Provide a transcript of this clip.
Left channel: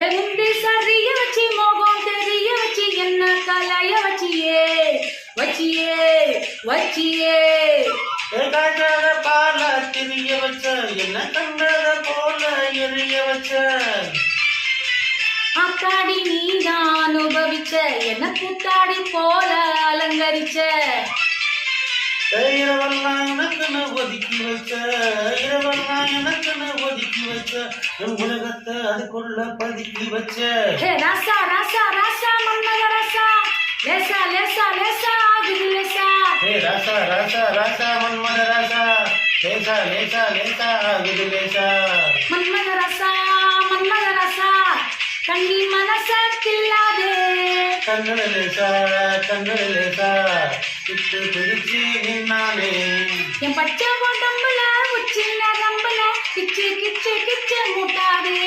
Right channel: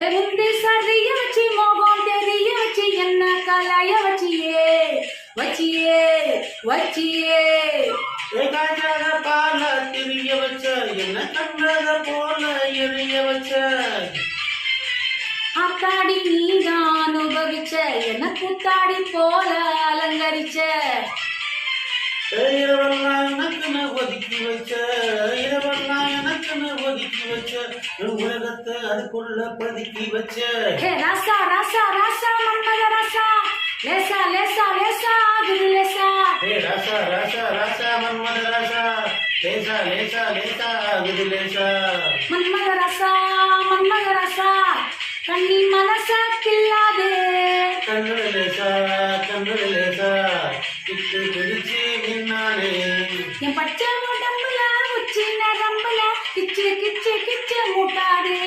முந்தி சரிய வச்சு மோகம் தெரிய வச்சு என்ன கலைய வச்சியே வச்சியே வச்சியே பால திரிய வச்ச என்ன கண்டத போல எரிய வச்ச ஆத்தாடி நீதான் அனுபவிச்ச என்ன கூத்தாடி போல அலங்கரிச்ச இரவெல்லாம் எனக்குன்னு ஒதுக்கி வச்ச இரவெல்லாம் எனக்குன்னு ஒதுக்கி வச்ச உலகத்தை அதுக்குள்ள பதுக்கி வச்ச ராசா ராசா ராசா மன்மத ராசா லேசா லேசா லேசா ஆகுது லேசா ராசா ராசா ராசா மன்மத ராசா லேசா லேசா லேசா ஆகுது லேசா மன்மத ராசா கண்ணி மனச கில்லாதே கண்ணட லேசா விட்டு பிடிச்சு நின்னாலே என் பச்சை உடம்புல உச்சி நரம்புல கிச்சு கிச்சு கிச்சு மூட்டாதே